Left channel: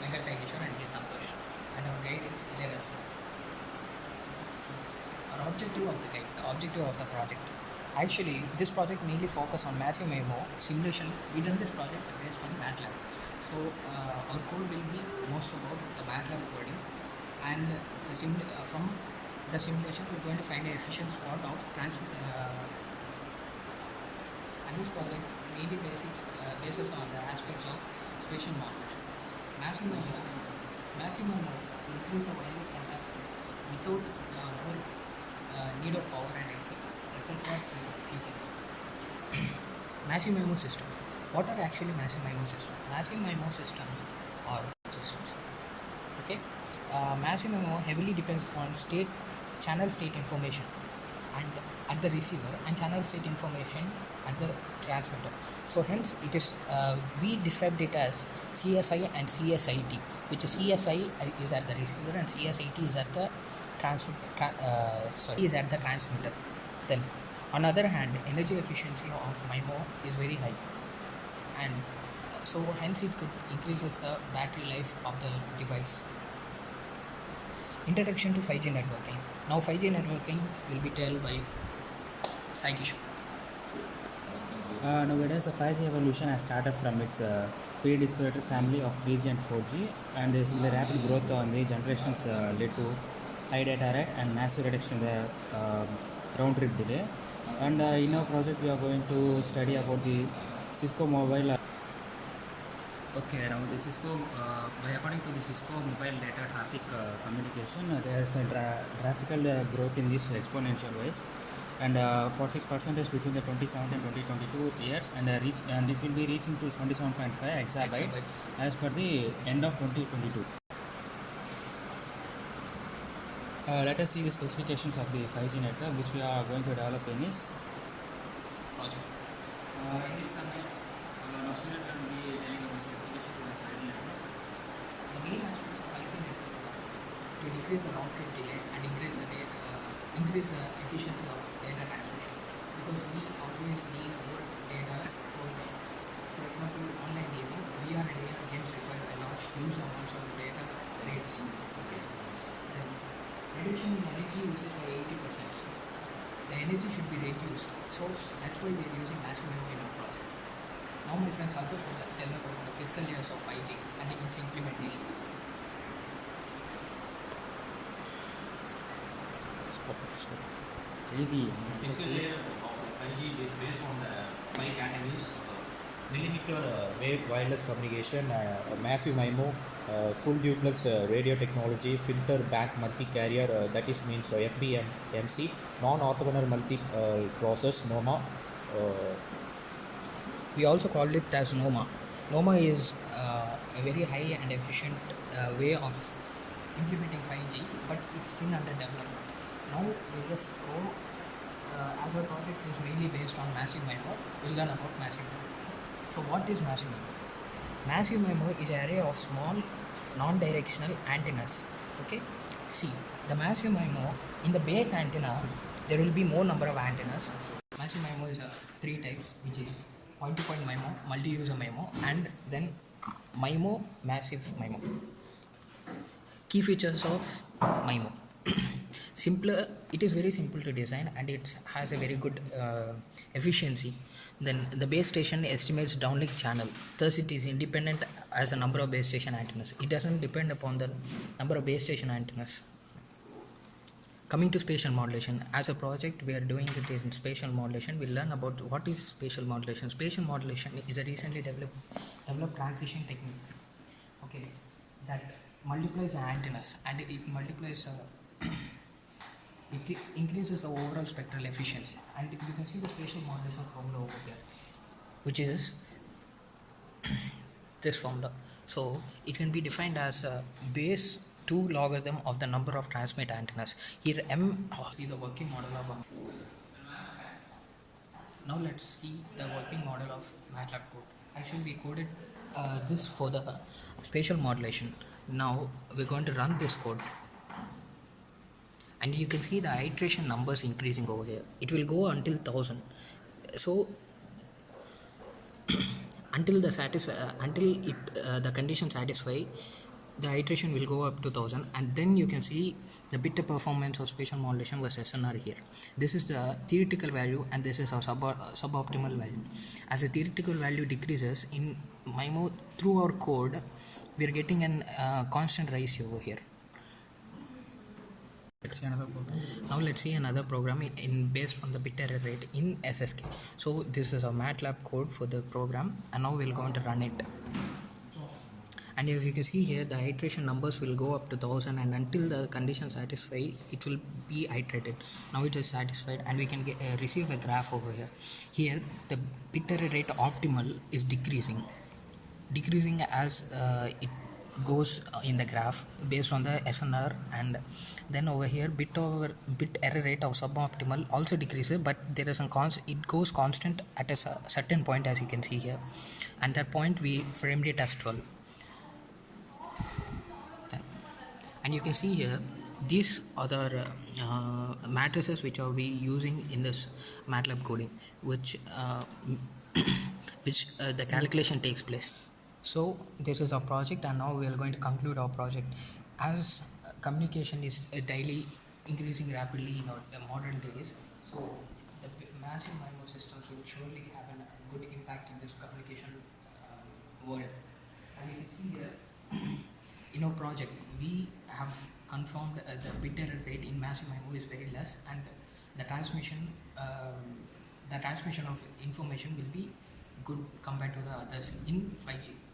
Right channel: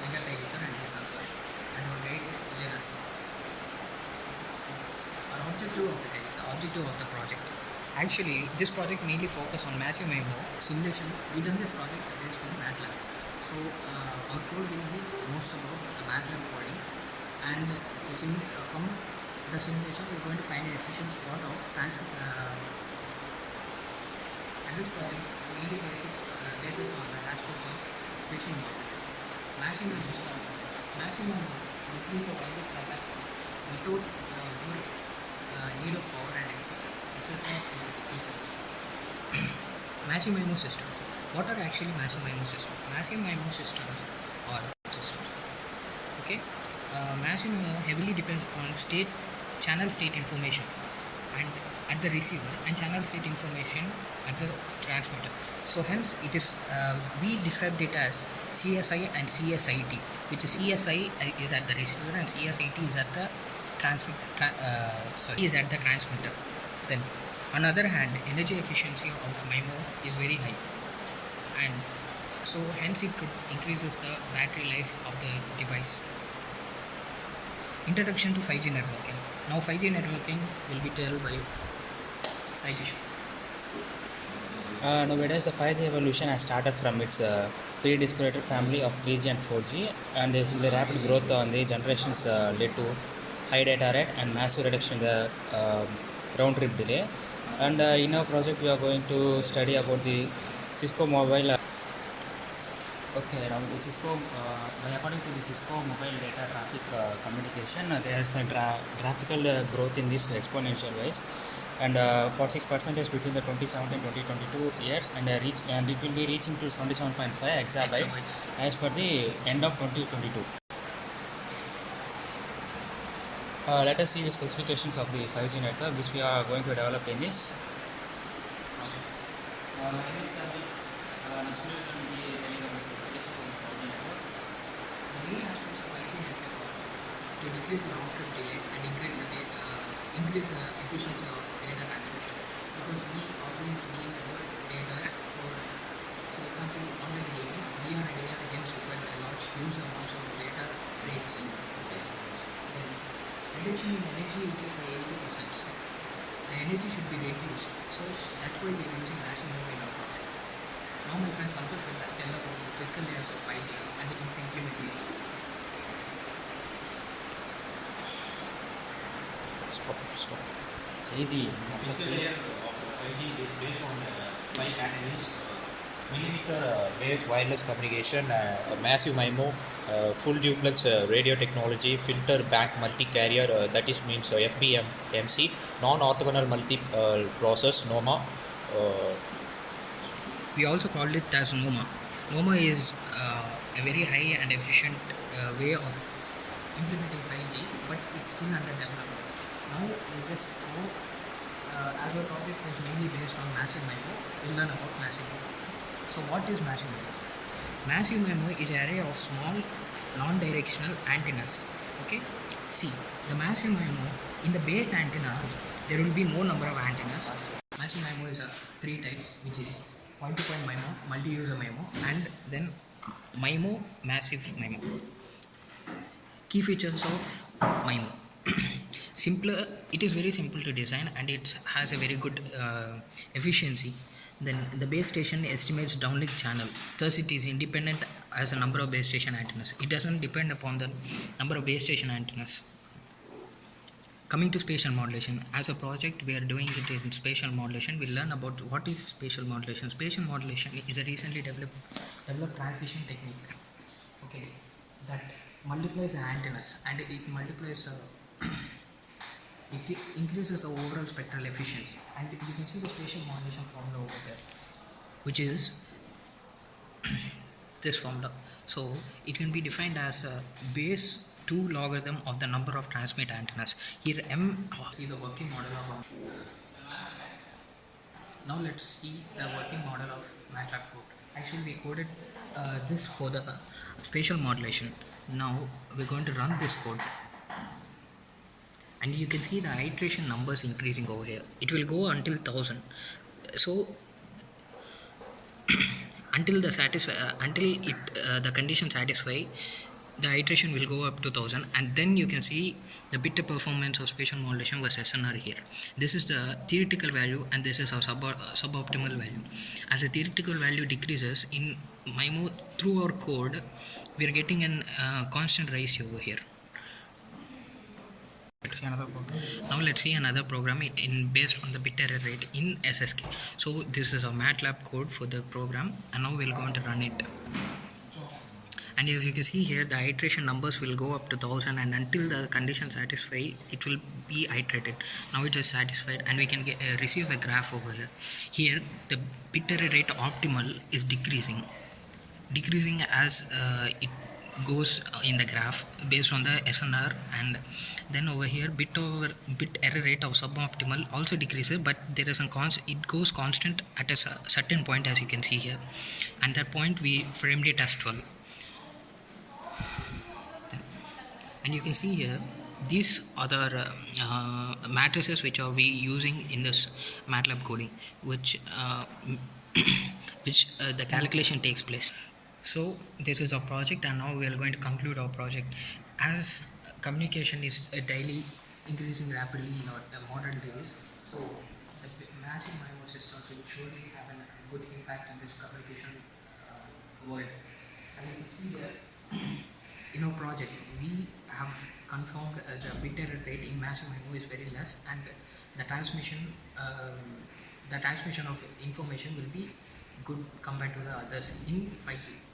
Venkata, Saikishore and Santhosh. And our guide is Ilayaraja. Our objective of the project. Actually, this project mainly focus on massive MIMO simulation. We done this project based on MATLAB. So our code will be most about the MATLAB coding, and from the simulation we're going to find an efficient spot of and this project mainly basis on the aspects of spatial modulation. Massive MIMO increase the wireless capacity without need of power and etc. features. Massive MIMO systems. What are actually massive MIMO systems? Massive MIMO systems are systems. Okay, massive MIMO heavily depends on channel state information and at the receiver, and channel state information at the transmitter. So hence it is we describe it as CSI and CSIT, which is CSI is at the receiver and CSIT is at the transmitter. Then on the other hand, energy efficiency of MIMO is very high, and so hence it could increases the battery life of the device. Introduction to 5G networking. Now 5G networking will be told by Saikishore. Nowadays, the 5G evolution has started from its pre-discrete family of 3G and 4G, and there is rapid growth on the generations led to high data rate and massive reduction in the round trip delay. And in our project, we are going to study about the Cisco mobile. Okay, now the Cisco, by according to the Cisco mobile data traffic communication, there is a graphical growth in this exponential wise, and 46% is between the 2017 and 2022 years, and it will be reaching to 77.5 exabytes as per the end of 2022. Let us see the specifications of the 5G network which we are going to develop in this project. In this summit, now Surya will be telling about the specifications of this 5G network. The main aspects of 5G network are to decrease the round trip delay and increase the efficiency of data transmission, because we always need more data for example, online gaming. VR and AR games require a large huge amounts of data rates. Then reduction in energy usage by 80%. The energy should be reduced, so that's why we are using massive MIMO in our project. Now my friend Santhosh will tell about the physical layers of 5G and its implementations. Stop. The physical layer of 5G is based on 5 categories: millimeter wave wireless communication, massive MIMO, full duplex radio technology, filter bank multi-carrier, that is means FBMC, non-orthogonal multi-process NOMA. We also called it as NOMA. NOMA is a very high and efficient way of implementing 5G, but it's still under development. Now we just go, as our project is mainly based on massive MIMO, we'll learn about massive MIMO. So what is massive MIMO? Massive MIMO is an array of small non-directional antennas. Okay, see, the massive MIMO, in the base antenna there will be more number of antennas. Massive MIMO is 3 types, which is point-to-point MIMO, multi-user MIMO, and then MIMO, massive MIMO. Key features of MIMO. Simpler, it is very simple to design, and it has a very good efficiency. Then the base station estimates downlink channel, thus it is independent as a number of base station antennas. It doesn't depend upon the number of base station antennas. Coming to spatial modulation, as a project we are doing it in spatial modulation. We'll learn about what is spatial modulation. Spatial modulation is a recently developed transition technique, okay, that multiplies the antennas, and it multiplies it increases the overall spectral efficiency. And you can see the spatial modulation formula over there, which is this formula. So it can be defined as a base 2 logarithm of the number of transmit antennas. Here see the working model of now let's see the working model of MATLAB code. Actually we coded this for the spatial modulation. Now we're going to run this code, and you can see the iteration numbers increasing over here. It will go until 1000. So until the condition satisfy, the iteration will go up to 1000, and then you can see the bit performance of spatial modulation versus SNR here. This is the theoretical value, and this is our suboptimal value. As the theoretical value decreases in MIMO through our code, we are getting an constant ratio over here. Now let's see another program in based on the bit error rate in SSK. So this is a MATLAB code for the program, and now we're going to run it. And as you can see here, the iteration numbers will go up to 1000, and until the condition satisfied, it will be iterated. Now it is satisfied, and we can receive a graph over here. Here the bit error rate optimal is decreasing as it goes in the graph based on the SNR, and then over here bit error rate of suboptimal also decreases, but there is it goes constant at a certain point, as you can see here, and that point we framed it as 12. And you can see here these other matrices which are we using in this MATLAB coding, which the calculation takes place. So this is our project, and now we are going to conclude our project. As communication is daily increasing rapidly in our modern days, so the massive MIMO systems will surely have a good impact in this communication world. And you can see here in our project we have confirmed the bit error rate in massive MIMO is very less, and the transmission of information will be good compared to the others in 5G.